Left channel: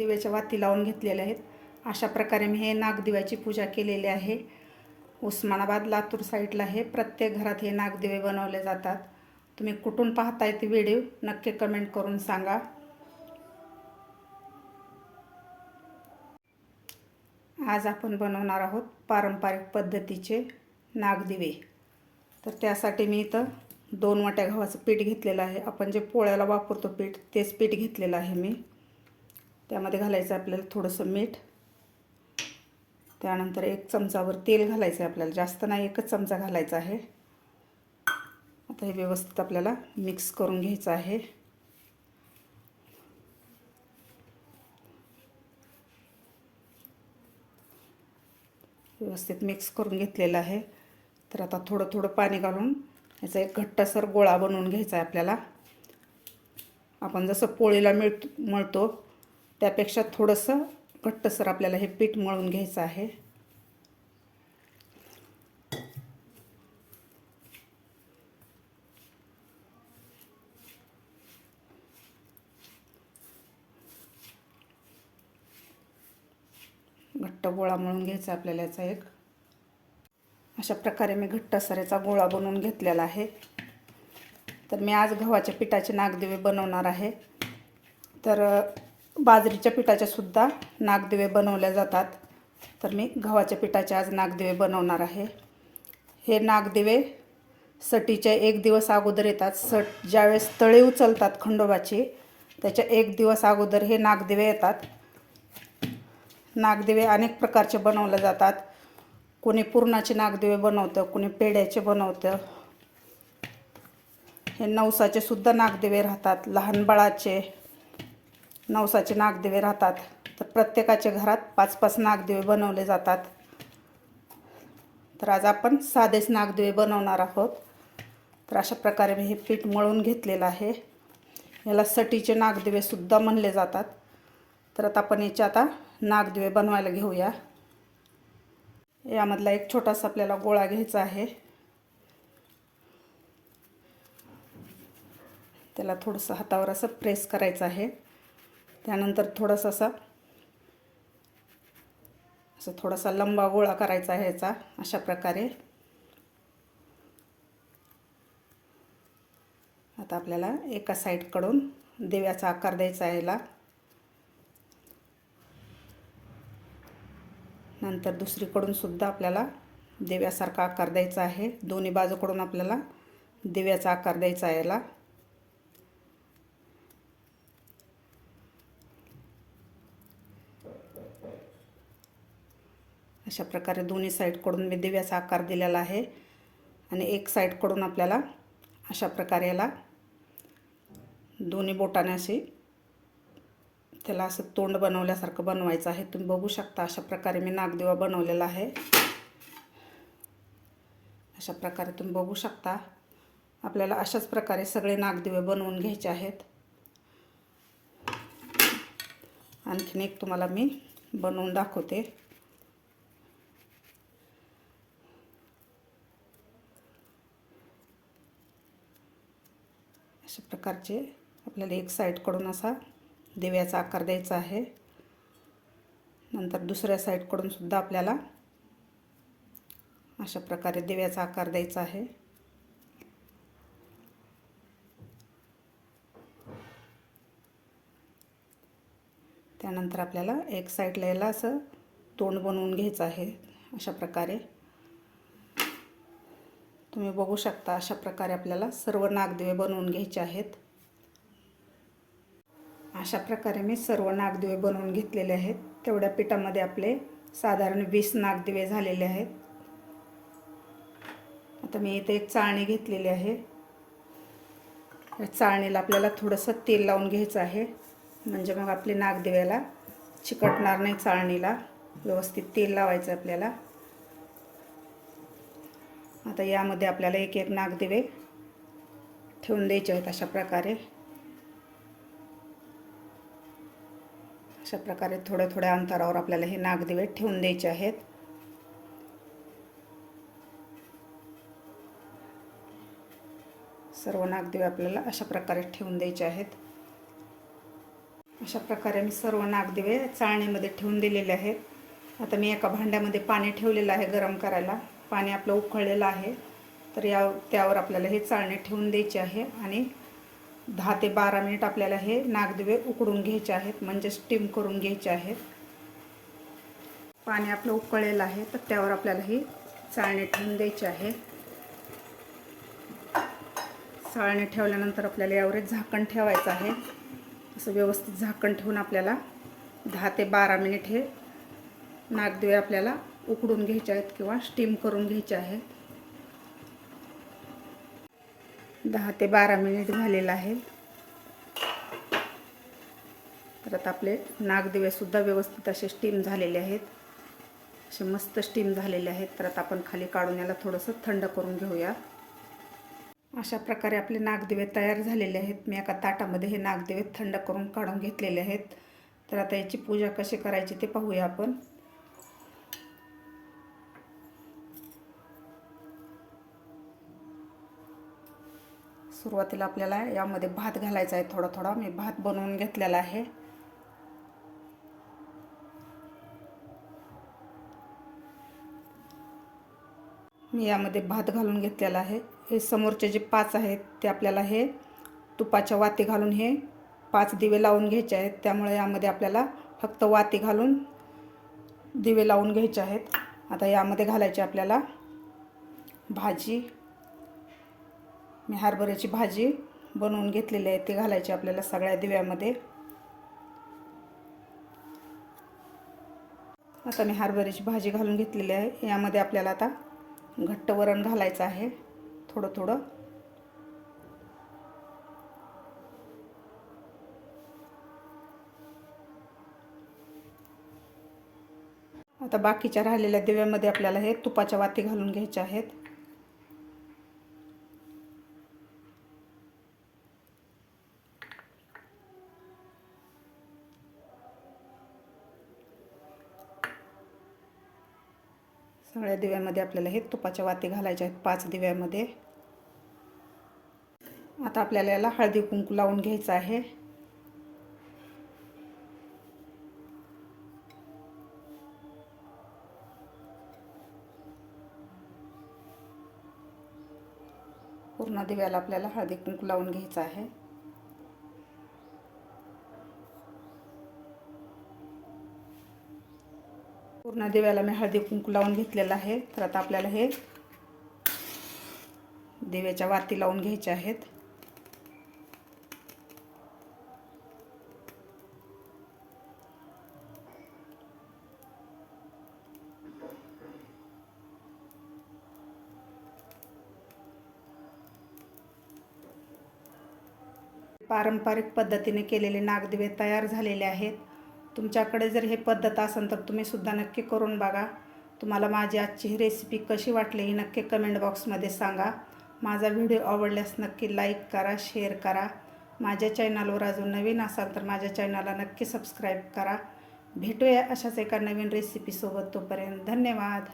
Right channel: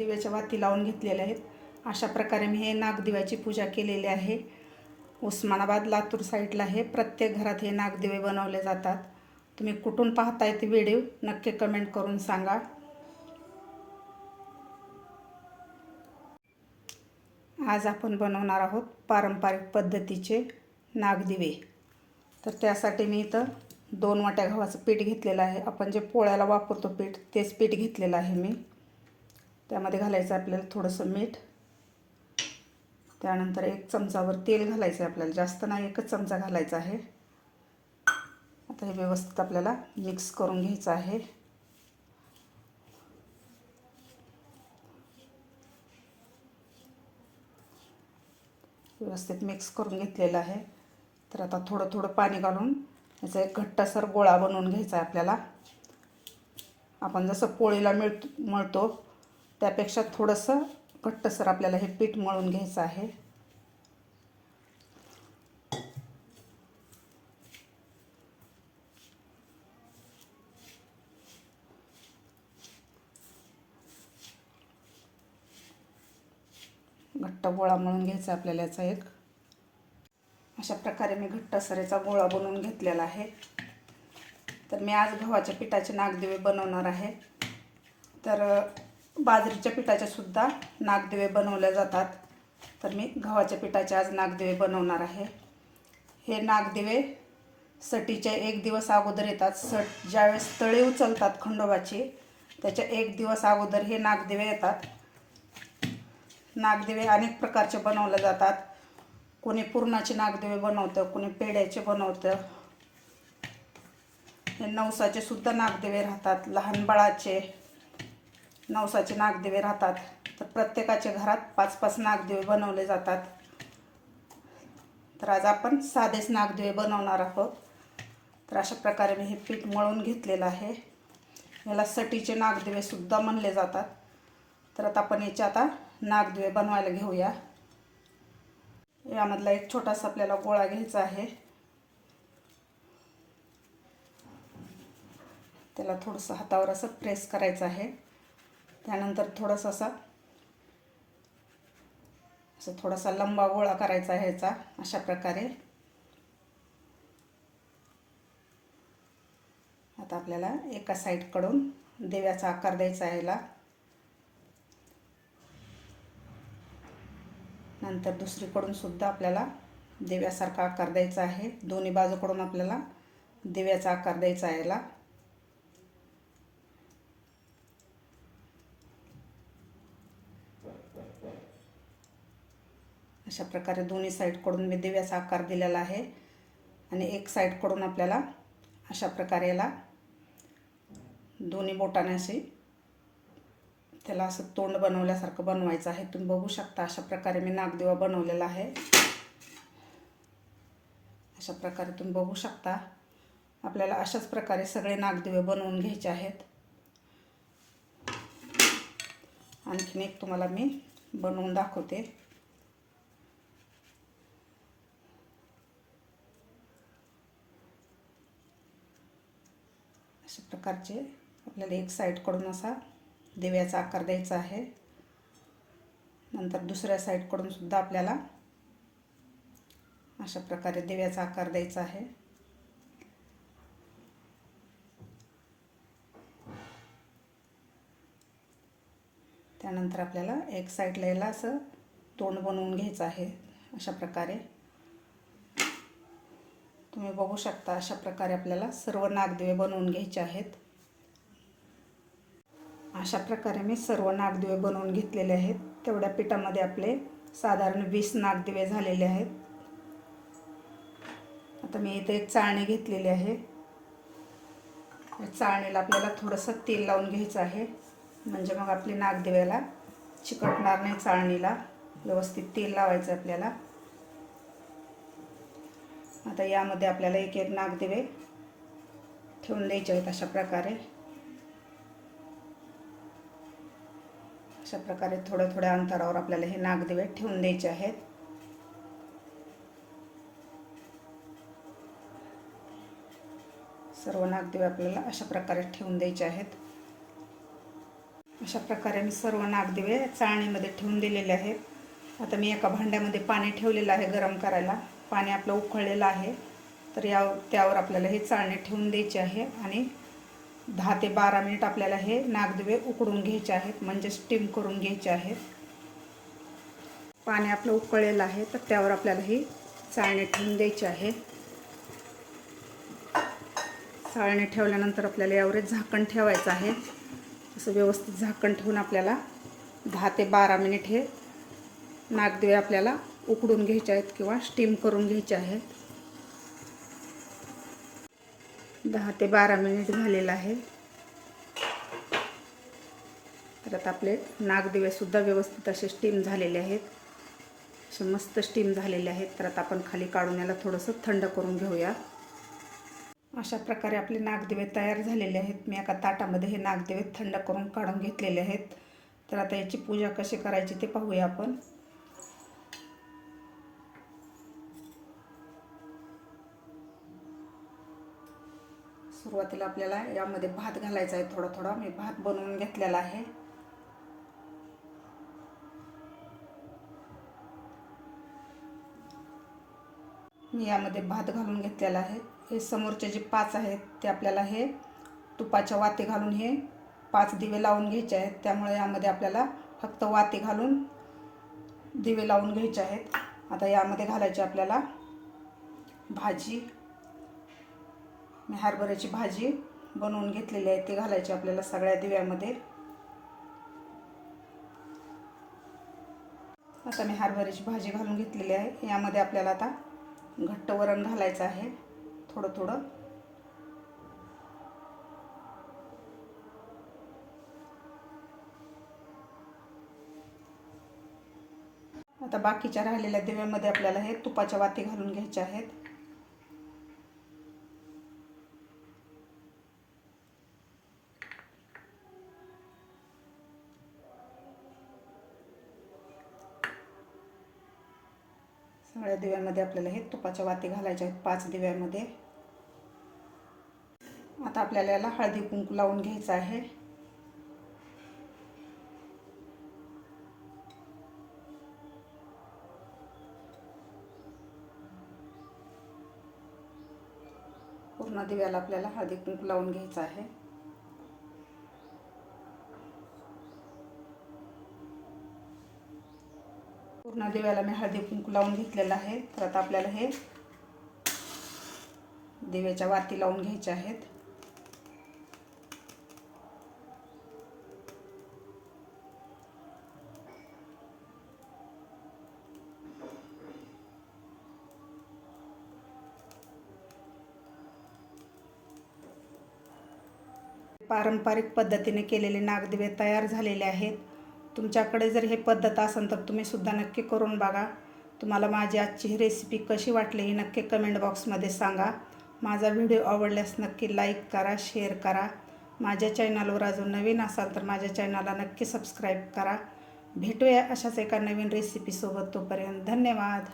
दिव्याच्या वाती लावून घेतलेल्या आहेत. अशा प्रकारे मी हे नागदिव्याची पूजा केलेली आहे. उस्मानाबाद लातूर साईडला हे प्रत्येक घरात हे नागदिवे बनवले जातात. तुम्ही कुठून पाहताय ते व्हिडिओ नक्की कमेंट करून सांगा. आज आपण बनवणार आहोत पारंपरिक पद्धतीचे नागदिवे. तर त्यासाठी मी इथं दोन वाट्या गव्हाचं पीठ घेतलेलं आहे. आपण जे पोळ्याला वापरतो पीठ तेच पीठ घेतलेलं आहे मी. त्यामध्ये घालायचं आपल्याला थोडंसं मीठ. त्यानंतर एक चमचावर तेल घालायचं आहे आपल्याला. जास्त नाही एकच चमचा घालायचा आहे. आता हे व्यवस्थित आपल्याला मिक्स करून घ्यायचं आहे. व्यवस्थित मिक्स करून घेतलेलं आहे. तर आता थोडं थोडं पाणी घालून याचा एक घट्टसर गोळा बनवून घ्यायचा आहे आपल्याला. आपण जसं पोळीला मिळ मळतो त्यापेक्षा थोडंसं घट्टसर आपल्याला हे पीठ मळून घ्यायचं आहे. घट्ट गोळा मळून घ्यायचा आपल्याला याचा एक. अशा प्रकारे मी घट्ट गोळा बनवून घेतलेला आहे. तर मी आज गव्हाच्या पिठाचे नागदेवे बनवणार आहे. तर बाजरीच्या पिठाचे सुद्धा नागदिवे बनवल्या जातात. तर मी गव्हाच्या पिठाचे आज नागदिवे बनवणार आहे. हे नागदिवे सटीच्या एक दिवस अगोदर येतात. सट ज्यावेळेस तळे उचलतात खंडोबाची त्याच्या एक दिवस अगोदर हे नागदिवे येतात. नागदिवे अनेक प्रकारचे बनवले जातात. कोणी पुरणाचे नागदिवे बनवतं कोणी पेड्याचे बनवतं. हे नवसाचे सुद्धा नागदिवे राहतात. लहान बाळाचे नवसाचे नागदिवे राहतात. तर प्रत्येकाच्या घरात पाच पाच नागदिवे बनवले जातात. तर आज आपण साधेच नागदिवे बनवणार आहोत. तर अशा प्रकारे मी हे पीठ मळून घेतलेलं आहे. याला सटीचे नागदेवेसुद्धा म्हणले जातात. तर आता आपण याचे आता नागदिवे बनवायला घेऊया. यामधला एक छोटासा आपल्याला गोळा घ्यायचा आहे. त्याला थोडंसं हातावर असं प्रेस करायचं आहे. त्यानंतर थोडंसं असं असं थोडासा लंबा गोळा करायचा ह्याचा अशा प्रकारे. आता आपल्याला एका साईडकडून देव्याचा आकार द्यायचा आहे याला. नंतर दुसरीकडून सुद्धा आपल्याला देव्यासारखा आकार द्यायचा आहे. दोन्ही बाजूकडून आपल्याला देव्याचा आकार द्यायचा आहे याला. अशा प्रकारे दोन्ही साईडकडून मी दिव्याचा आकार दिलेला आहे. आणि एक साईडकडून आपल्याला अशा प्रकारे याला दोन्ही बोटाने असे त्याला असं तोंड बनवल्यासारखं बनवायचं आहे. तुम्ही बघू शकता अशा प्रकारे मी नागदेवा बनवलेला आहे. अशा प्रकारे तुम्ही बघू शकता आपल्याला अशाच प्रकारे सगळे नागदिवे बनवून घ्यायचे आहेत. आणखीन एक तुम्हाला मी बनवून दाखवते अशा प्रकारचे. आपल्याला एक साईडकडून असा दिव्याचा आकार द्यायचा आहे. नंतर दुसऱ्या साईडकडून सुद्धा आपल्याला अशा प्रकारे दिव्याचा आकार द्यायचा आहे. त्यानंतर आपल्याला एक साईडला याला असं तोंड बनवून घ्यायचं आहे. अशा प्रकारे. तुम्ही बघू शकता अशा प्रकारे आपल्याला सर्व नागदिवे बनवून घ्यायचे आहेत. अशा प्रकारे मी सर्व नागदिवे बनवून घेतलेले आहेत. तेवढ्या पिठामध्ये आपले साधारण वीस नागदिवे झालेले आहेत. आता मी इथे एक चाळणी घेतलेली आहे. या चाळणीला आपल्याला थोडंसं तेल लावून घ्यायचं आहे. म्हणजे मग आपली नागदिव्याला चिकटणार नाही चाळणीला. व्यवस्थित तेल लावायचं आपल्याला. आता यामध्ये आपल्याला एक एक नागदिवे ठेवून द्यायचे आहेत अशा प्रकारे. अशा प्रकारे थोड्या थोड्या अंतरावर आपल्याला हे नागदिवे ठेवून द्यायचे आहेत. सर्व नागदिवे आपल्याला अशा प्रकारे ठेवून द्यायचे आहेत. अशा प्रकारे मी सर्व नागदिवे चाळणीमध्ये ठेवून दिलेले आहेत. आता मी एका भांड्यामध्ये पाणी ठेवलेलं आहे गरम करायला. पाणी आपलं उकळलेलं आहे तर या त्यावर आपल्याला हे चाळणे ठेवून द्यायचे आहे आणि दहा ते बारा मिनिट आपल्याला हे नागदुवे उकडून घ्यायचे आहेत म्हणजे स्टीम करून घ्यायचे आहेत. पाणी आपलं उकळलेलं आहे तर त्यावर आपल्याला ही चाळणी ठेवून द्यायचे आहे. चाळणी ठेवल्यानंतर आपल्याला यावर झाकण ठेवायचं आहे. असं व्यवस्थित झाकण ठेवून आपल्याला दहा ते बारा मिनिट हे नागदिवे आपल्याला उकडून घ्यायचे आहेत किंवा स्टीम करून घ्यायच्या आहेत. दहा ते बारा मिनिट झालेलं आहे. तर आता आपले नागदिवेसुद्धा व्यवस्थित असे स्टीम झालेले आहेत. असे मस्त स्टीम झालेले आहेत. तर आता आपण खाली काढून याला थोडंसं थंड करून घेऊया. अशा प्रकारे आपले नागदिवे तयार झालेले आहेत. मी एका ताटामध्ये हे नागदिवे थंड करून काढून घेतलेले आहेत. तर आता याची पूजा कशी करायची ते पाहूया आपण. सुरुवातीला आपल्याला यामध्ये भात घालायचा आहे थोडा थोडा. मी भात बनवून घेतलेला आहे. मी यामध्ये भात घालून घेतलेला आहे. हे समोरचे जे पाच आहेत ते आपल्याला हे तुपाच्या वाती घालून हे पाच दिवे लावून घ्यायचे आहेत. त्यामुळे यामध्ये आपल्याला फक्त वाती घालून दिवे लावून घ्यायचे आहेत. आता यामध्ये घालायचे आपल्याला भाजी. मी हरभऱ्याची भाजी बनवून घेतलेली आहे. ती घालायची आपल्याला सगळ्या दिव्यामध्ये. आता मी हरभऱ्याची भाजी घालून घेतलेली आहे. यामध्ये आपल्याला आता घट्ट वरण घालायचं आहे. थोडं थोडं. आता बाकीच्या राहिलेल्या दिव्यामध्ये आपल्याला हे तुपाच्या वाती घालून घ्यायच्या आहेत. सगळ्या दिव्यामध्ये आपल्याला हे तुपाच्या वाती घालायच्या आहेत पाच दिव्यामध्ये. आता आपल्याला याला हळदी कुंकू लावून घ्यायचं आहे. पूर्ण दिव्याला आपल्याला हळदी कुंकू लावून घ्यायचं आहे. पूर्ण दिव्याला मी हळदी कुंकू लावून घेतलेलं आहे. तर आता आपल्याला हे दिव्याच्या वाती लावून घ्यायच्या आहेत. पारंपरिक पद्धतीने केलेले नागदिवे तयार झालेले आहेत. तुमच्याकडे जर हे पद्धत असेल तर तुम्ही सुद्धा नक्की करून बघा. तुम्हाला माझी आजची ही रेसिपी कशी वाटली ही नक्की कमेंट बॉक्समध्ये सांगा. माझा व्हिडिओ आवडल्यास नक्की लाईक करा शेअर करा. माझ्या चॅनलवर अजून नवीन असाल तर माझ्या चॅनलला नक्की सबस्क्राईब करा. भेटूया अशाच एका नवीन रेसिपीसोबत तोपर्यंत धन्यवाद.